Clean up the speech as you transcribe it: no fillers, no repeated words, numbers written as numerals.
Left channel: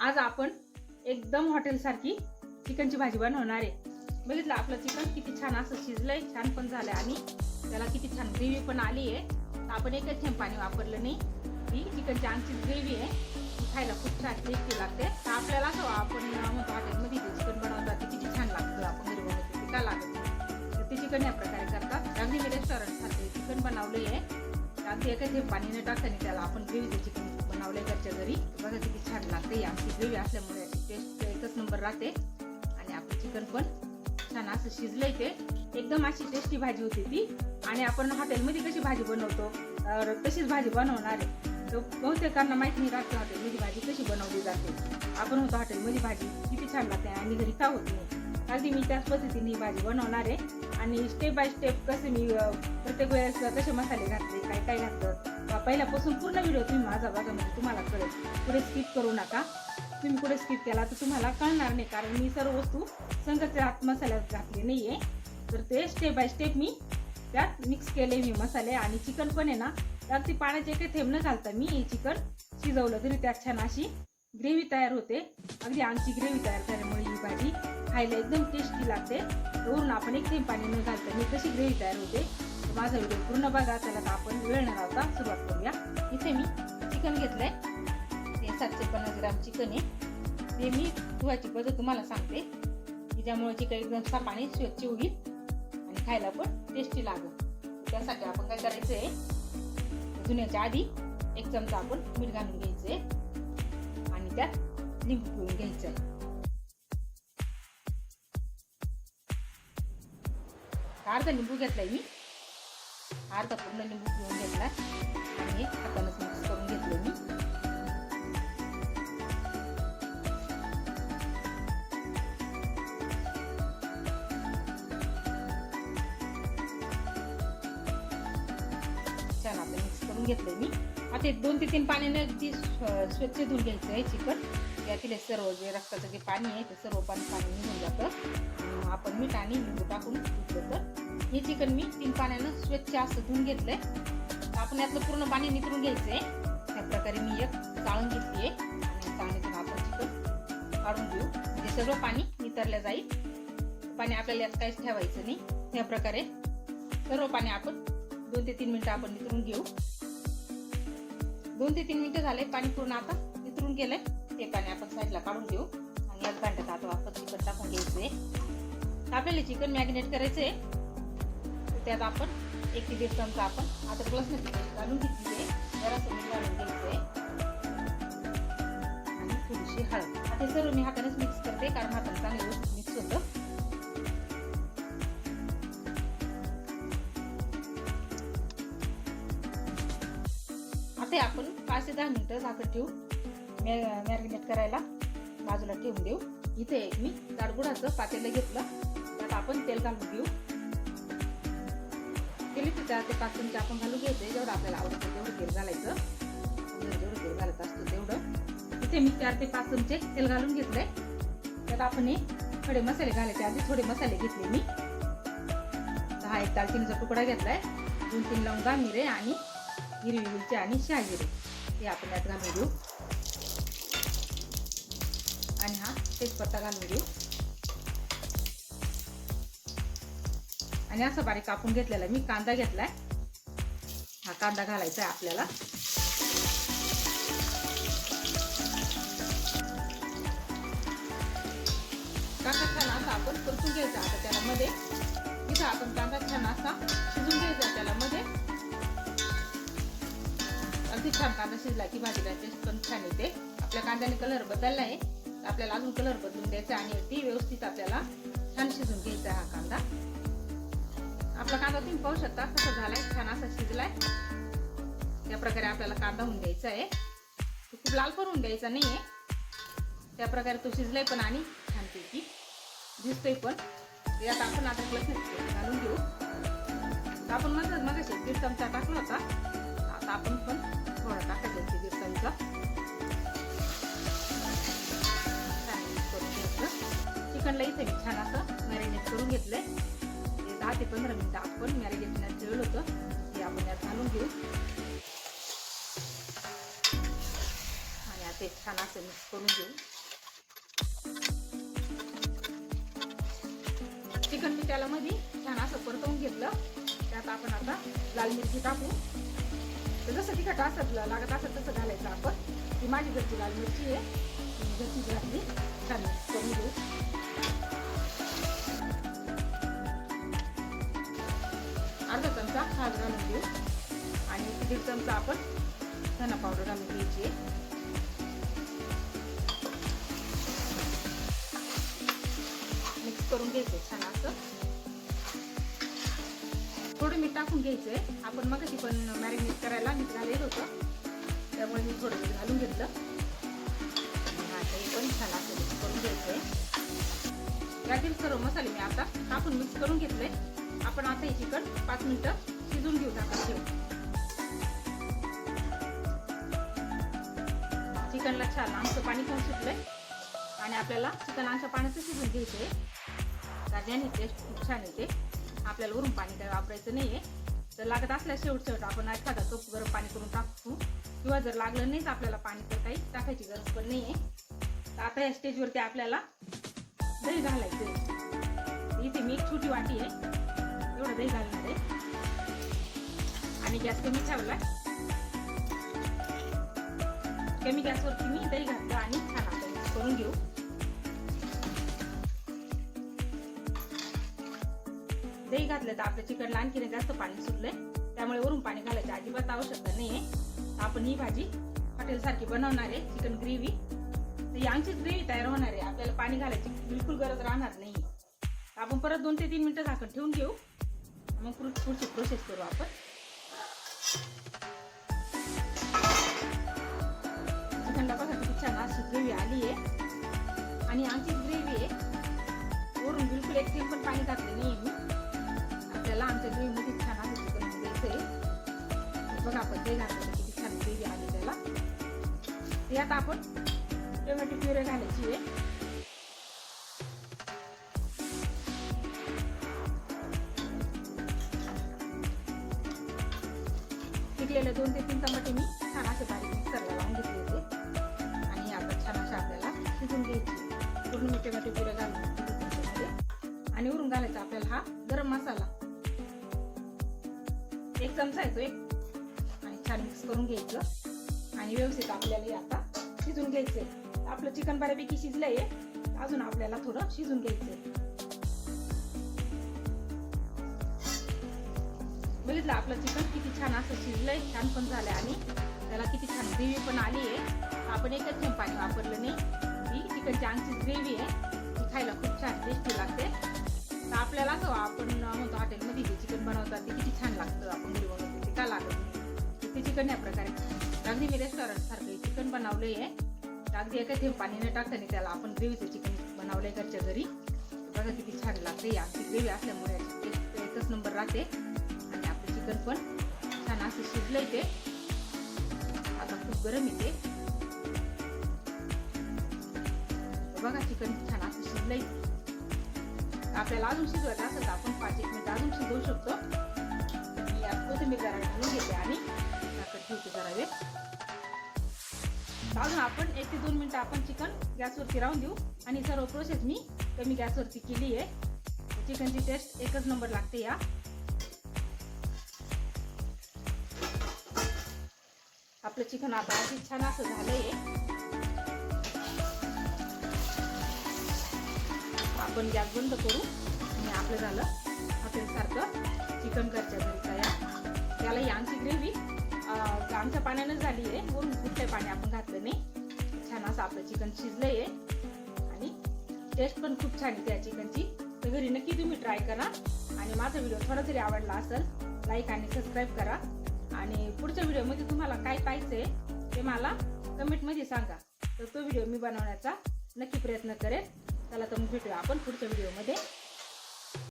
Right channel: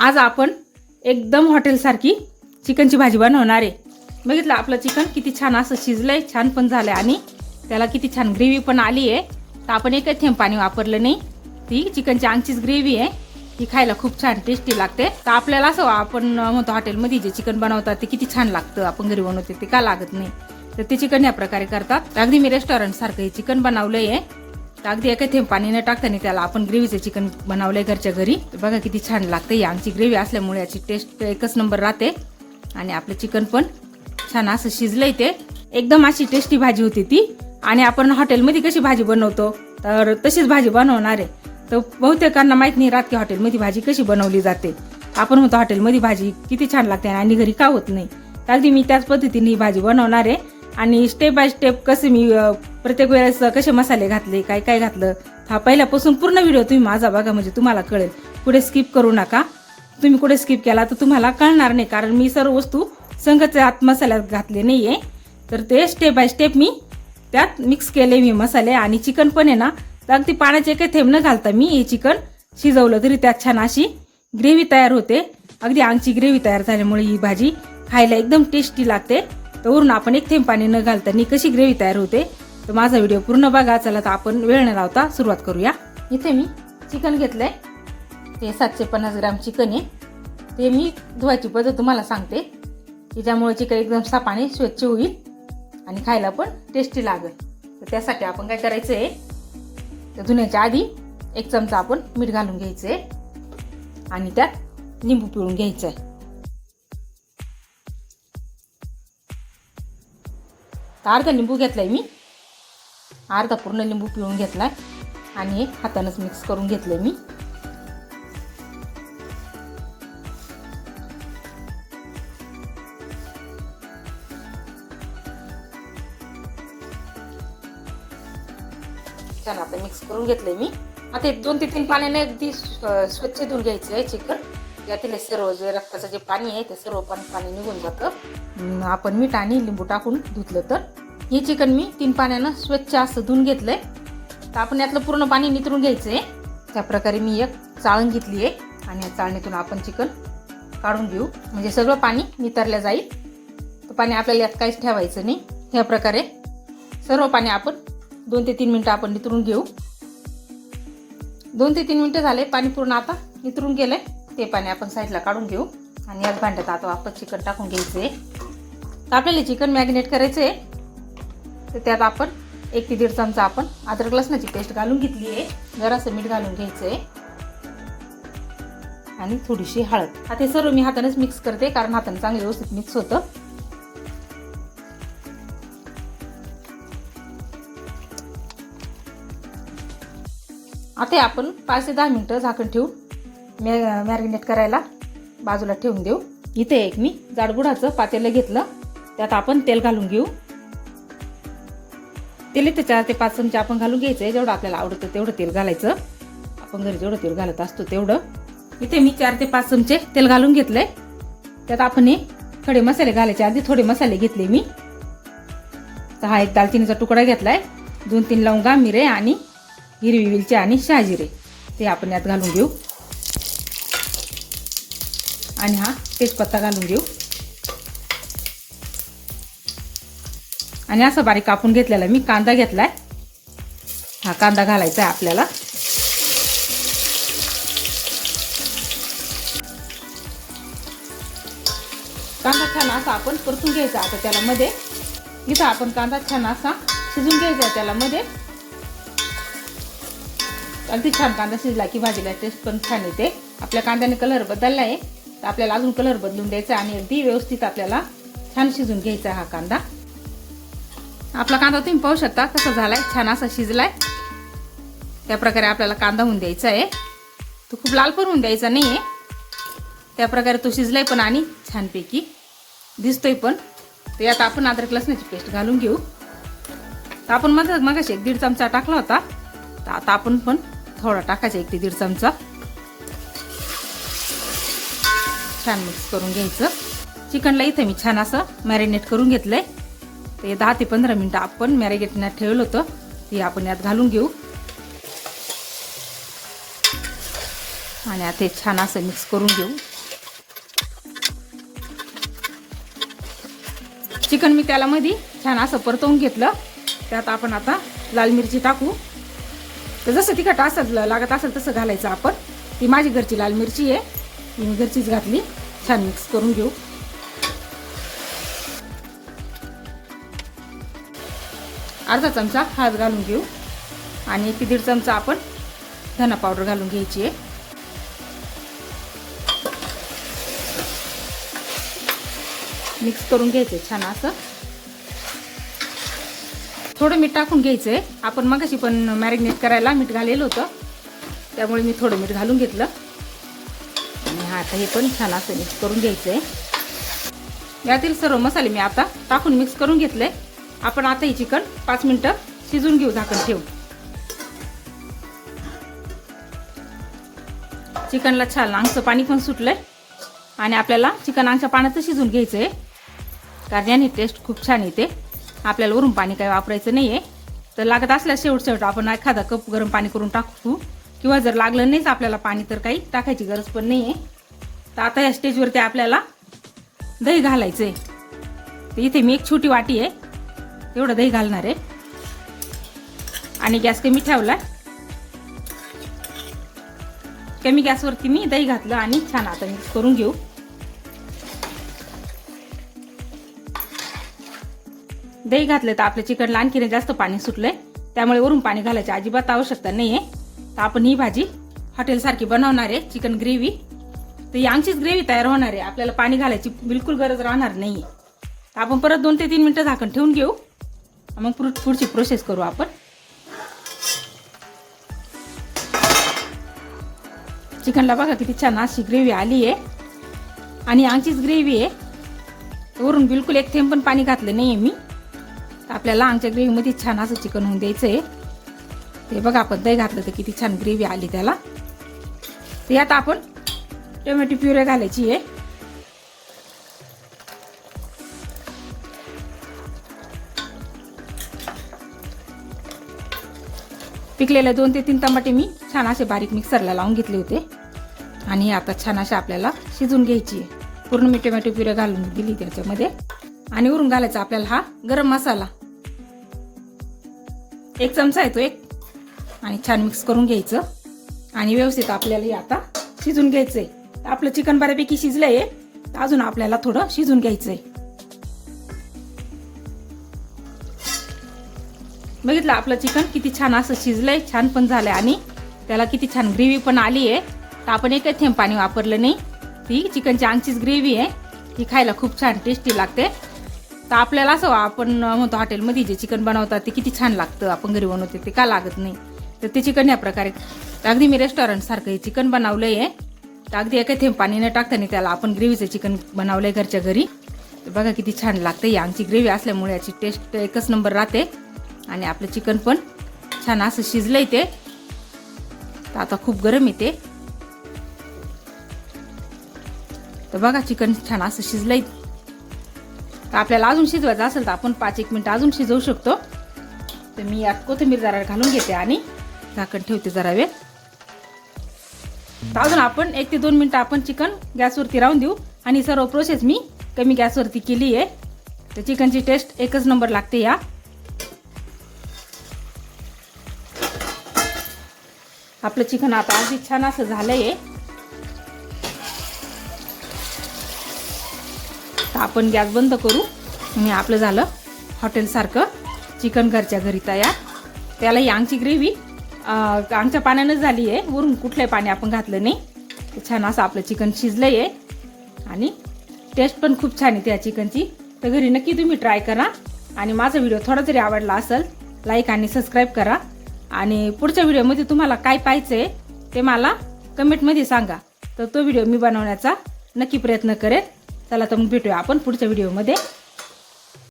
आज आपण एकदम हॉटेलसारखी चिकनची भाजी बनवणार आहे। बघितलं आपलं चिकन किती छान असं शिजलंय, छान पण झालंय आणि त्याला किती छान ग्रेव्ही पण आली आहे। तर आपण एकही थेंब पाणी वापरलं नाही, ती चिकनची आंगचीच ग्रेव्ही आहे, ती खायला खूप छान टेस्टी लागते। तर आपल्याला असं आपण म्हणतो हॉटेलमध्ये जे चिकन बनवतात ते किती छान लागतं, आपण घरी बनवते ते का लागत नाही। तर ते चिकन या प्रकारे करतात। अगदी मी रेस्टॉरंट सारखं हे चिकन बनवलंय आहे। अगदी एका थेंब पाणी न टाकताना त्याला आपण ग्रेव्हीचं चिकन बनवलंय घरच्या घरी। बघा किती छान लागते, ही आमची ग्रेव्ही असल्यामुळे याची टेस्ट एकच नंबर राहते आणि आपलं चिकन पण छान असं शिजलंय, ते एकदम अशी टेस्टी भाजी होती ती। आणि आपण हॉटेलमध्ये कशी भाजी बनवतो तर तशीच भाजी बनवणार आहे। तर बहुतेकांना माहित नाही राहत की हॉटेलमध्ये भाजी कशी बनवली जाते। आपण म्हणतो हॉटेलमध्ये भाजी किती छान लागते आणि घरी का होत नाही। तर अगदी मी त्याच पद्धतीने ही भाजी बनवणार आहे आणि स्टेप बाय स्टेप कसे मी प्रत्येक वेळेस कसे मसाले घातले, काय काय घातलं, हा पहिल्यापासून पूर्ण व्हिडिओ तुम्ही माझा बघा, म्हणजे तुम्हाला कळेल। पुढे स्किप करू नका, तुम्ही कुठे स्किप केला तर तुम्हाला कळणार नाही, कारण मी सर्व वस्तू संगच आत मसाल्यात घातले नाहीये। तर ते स्टेप बाय स्टेप मी त्यात मिक्स केले मी मसाले। आणि चिकन पण आहे ना, तर अगदी पाण्याचे काही थेंब न घालता मी हे चिकन शिजवलं तरी त्यात छान अशी ग्रेव्ही तयार होते। अगदी आंगची ग्रेव्ही तयार झाल्यामुळे ही भाजी खायला एकदम टेस्टी लागते। तर वरून आपण एक थेंब पाणी न घालताना कशी ग्रेव्ही तयार होते, तर माझा व्हिडिओ पूर्ण बघा। चला तर आपण वेळ न लावता सुरुवात करूया। इथे मी चिकन घेतलंय, ते 750 ग्राम चिकन आहे। ते मी धुवायची पद्धत तुम्हाला सांगते की ज्यामुळे चिकन एकदम साफ आणि स्वच्छ होईल आणि खायला पण टेस्टी लागेल। तर त्यासाठी आपण काय करायचं आहे, तर धुण्याच्या आधी 1 चमचा आपण मीठ घालून घ्यायचं आहे आणि त्यात लिंबू पिळून घ्यायचं आहे। अर्धा लिंबू घेतलाय मी, अर्धा पूर्ण लिंबू पिळून घेतलाय आणि हातानेच मिक्स करून घेतलंय मी। चला आता मिक्स करून घेतलंय मी। आता 2 ते 3 पाण्याने अगदी स्वच्छ धुवून घ्यायचं आहे चिकन। यातील सर्व जे रक्ताचं जे पाणी आहे ते सर्व पाणी निघून जातं आपण मीठ आणि लिंबू टाकून धुतलं तर। हे चिकन मी 3 पाण्यानं स्वच्छ असं धुवून घेतलंय। तर आपण यातलं पूर्ण पाणी नितरून घ्यायचं आहे। त्या प्रकारे मी एक चाळण घेतली आहे आणि या चाळणीतून आपण चिकन काढून घेऊ, म्हणजे सगळं पाणी नितरलं जाईल। तर पाणी आपल्याला यात काहीच ठेवायचं नाही। ह्या प्रकारे सर्व पाणी आपण 2 ते 3 मिनिटं आपण नितरून घेऊ। 2 ते 3 मिनिटं झाले, पाणी पूर्ण आता नितरून गेलंय। ते पाणी आपण साईडला काढून घेऊ आणि याच भांड्यात आता आपण चिकन टाकून घ्यायचंय। आपल्याला चिकन मॅरिनेट करायचं आहे, तर त्यात आपण 1 ते 1.5 चमचा आपण अद्रक लसणाची पेस्ट घालून घेतली आहे। जरासं मीठ घालून घ्यायचंय आणि थोडीशी हळद। आता हे सर्व मी हातानेच मिक्स करते, कारण हाताने चांगलं व्यवस्थित मिक्स होतं। आता आपण 5 ते 10 मिनिटं झाकण ठेवून मॅरिनेट करायला बाजूला ठेवून देऊ। इथे एक मी जाडबुडाचं पातेलं घेतलं, त्यात आपण तेल घालून घेऊ। तेल इथे 4 ते 5 चमचे आपण घालून घ्यायचंय, जेवढं आपल्याला आवडतं तेवढं तेल घालायचं। आपण घरी जेवढं तेल घालत असतो तेवढं। इथे मी 4 ते 5 चमचे तेल घालून घेतलंय। त्यात आपण हे खडे मसाले घालायचे, आधी थोडे मसाले घेतले मी। तर हा एक दालचिनीचा तुकडा घेतलाय, 2-3 लवंगा, मिरे आणि हिरवी वेलची आणि शहाजिरे, ते आपण यात घालून घेऊ। आणि हा तेजपत्ता घालून घेऊ आणि असा बारीक कापून घेतलेला मी कांदा घेतलाय, हा कांदा घालायचा आहे आपल्याला। कांदा छान असा आपण परतून घ्यायचा। आता त्याला मध्ये इथं आपण कांदा छान असा शिजून घ्यायचा त्याला मध्ये। अगदी छान कांदा शिजला की भाजीला टेस्ट पण छान येते। आपल्या कांद्याने कलर बदलला आहे, तर आपल्याला अजून कलर बदलून द्यायचा आणि अगदी व्यवस्थित आपल्याला छान शिजून घ्यायचा हा कांदा। आपला कांदा तुम्ही पाहू शकता कसा झालाय, छान असा शिजलाय। त्या प्रकारे आपल्याला कांदा होऊन द्यायचा आहे, तो खूप लाल पण होऊन द्यायचा नाहीये। त्या प्रकारे तो शिजलाय पण आणि छानपैकी दिसतोय पण। तर यात आपण अद्रक लसणाची पेस्ट घालून घेऊ। तर आपण मगाशी 1 ते 1.5 चमचा टाकला होता, तर आता आपण पण थोडा टाकायचा, 1 ते 1.5 चमचा। छान मिक्स करून घ्यायचं। चिकनला इथे मी छान असं मॅरिनेट करून घेतलंय। ते 10 ते 15 मिनिटं आपण मॅरिनेट ठेवलं होतं, ते आपण यात घालून घेऊ। आणि आणि आता हे छान असं मिक्स करून घेऊ. चिकन मी त्याला मध्ये छान असं परतवून घेतलं. त्यात आपण आता लाल मिरची टाकू. तर जसं तिखट असं लागत असेल तसं घालायचं आपण. ती माझी घरची लाल मिरची आहे, मी घरचीच घातली. छान मिक्स करून घेऊ. अर्धा चमचा हळद घालून घेऊ आणि 1 ते 1.5 चमचा आपण धना पावडर घालून घ्यायची आहे. मिक्स करून घ्यायचं छान असं. थोडं मीठ टाकून घ्यायचं आहे. आपण मगाशी पण मॅरिनेट करायला मीठ घालेलं होतं, त्यामुळे मी थोडं मीठ घालून घेतलं. आणि आता हे पण छान असं मिक्स करून घ्यायचं आहे. यातील सर्व मसाले मी आता टाकून मिक्स करून घेतले. आपण आता हे चिकन 5 मिनिटं शिजून घेऊ झाकण ठेवून. चिकनला छान अंगचं पाणी पण सुटलंय आणि आपल्याला चिकन अंगच्या पाण्याचं शिजून घ्यायचं आहे, कारण याने टेस्ट खूप छान येते. आपल्याला वरून पाणी काही वापरायचं नाही आहे. तर लागत असल्यास शेवट आपण एखादा कप गरम पाणी करून टाकू, किंवा जर लागलं नाहीच आपल्याला पाणी तर काही टाकायची गरज पण नाही आहे. तर आता या स्टेजवरती आपल्याला दही घालायचं आहे. तर इथे मी एक छोटी वाटी आहे तेवढं दही घालणार आहे आणि गॅस कमी ठेवला. कमी गॅसवरती मी दही घातलं आणि छान आता मिक्स करून घेऊ. दही घातलं तर आपल्या चिकनला आणखीन जास्त पाणी सुटलंय, त्यामुळे वरून पाणी घालायची अजिबात आवश्यकता नाहीये. तर आपण ही भाजी हॉटेलसारखी बनवणार आहे, चिकन ग्रेव्ही. तर ही आमचीच ग्रेव्ही तयार होणार आहे, आपल्याला पाणी घालायची बिलकुल गरज राहणार नाहीये. तर आपण परत 2 ते 3 मिनिटं झाकण ठेवून घेऊ, मग पुढची प्रोसेस करू आपण. चिकनला बघा किती छान अशी ग्रेव्ही आली आहे आणि आमचीच ग्रेव्ही आहे. वरून बिलकुल एक थेंब पण पाणी घातलं नाहीये मी. आपल्याला आमच्या ग्रेव्हीमध्ये छान असं चिकन होऊन द्यायचं आहे. ते बघा आपण दही घातलं तर किती छान ग्रेव्ही आली त्याला. तर यात आपण टोमॅटो प्युरे घालायची आहे. पिकलेले 2 ते 3 टमाटे मी छान असे बारीक मिक्सरला लावून घेतले होते आणि आता छान असे आपल्याला शिजून घ्यायची आहे. पूर्ण मी टोमॅटो प्युरे घालून दिली त्याच्यामध्ये. आणि वरून घालायचा आपल्याला हा गरम मसाला 1 चमचा येतो एक, आणि छान मिक्स करून घ्यायचं आणि व्यवस्थित आपल्याला आता शिजून घ्यायचंय. आपलं चिकन बऱ्यापैकी शिजलंय, अजून आपल्याला थोडं शिजून घ्यायचंय. बघितलं आपलं चिकन किती छान असं शिजलंय, छान पण झालंय आणि त्याला किती छान ग्रेव्ही पण आली आहे. तर आपण एकही थेंब पाणी वापरलं नाही. ती चिकनची आंगचीच ग्रेव्ही आहे, ती खायला खूप छान टेस्टी लागते. तर आपल्याला असं आपण म्हणतो हॉटेलमध्ये जे चिकन बनवतात ते किती छान लागतं, आपण घरी बनवते ते का लागत नाही. तर ते चिकन या प्रकारे अगदी मी रेस्टॉरंट सारखं चिकन बनवलंय आहे. तर अगदी एकही थेंब पाणी न टाकताना त्याला आपण ग्रेव्हीचं चिकन बनवलंय घरच्या घरी. तर बघा किती छान लागतं. ही आमची ग्रेव्ही असल्यामुळे याची टेस्ट एकच नंबर राहते आणि आपलं चिकन पण छान असं शिजलंय. ते आता खूप गरम येते. तर बघा चिकन छान असं शिजलंय. तर आपल्याला अजून शिजवायचं असेल तर आपण 5-1 मिनिटं अजून शिजवू शकतो. तर मी यात कोथिंबीर जरा घालून घेते आणि झाकण ठेवते जरा वेळ. तर अजून आपण 1 ते 2 मिनिटं आपण चिकन गॅसवरती राहून देऊ आणि सर्व प्रोसेस मी कमी गॅसवरती केली आहे. तर चिकनची टेस्ट एकच नंबर लागते या. आपलं चिकन आता अगदी छान असं झालंय. तर आपण गॅस बंद करू आणि आपलं झालं हॉटेलसारखं चिकन घरच्या घरी तयार. त्याला ही आमची ग्रेव्ही आमच्या पाण्यानंच झाली आहे, वरून कुठलंही पाणी आपण घातलं नाही. तर छान असं आपलं चिकन शिजलंय आहे आणि टेस्ट पण खूप छान येते या चिकनची. तर घरी नक्की तुम्ही ट्राय करा आणि माझा व्हिडिओ थोडा जरी आवडला असेल लाईक आणि सबस्क्राईब करा. आणि पुढच्या व्हिडिओमध्ये तुम्हाला काय पाहिजे ते मला कमेंटमध्ये सांगा, तर तो व्हिडिओ मी बनवण्याचा नक्की प्रयत्न करेन. चला तर मग भेटूया आपण पुढच्या व्हिडिओमध्ये.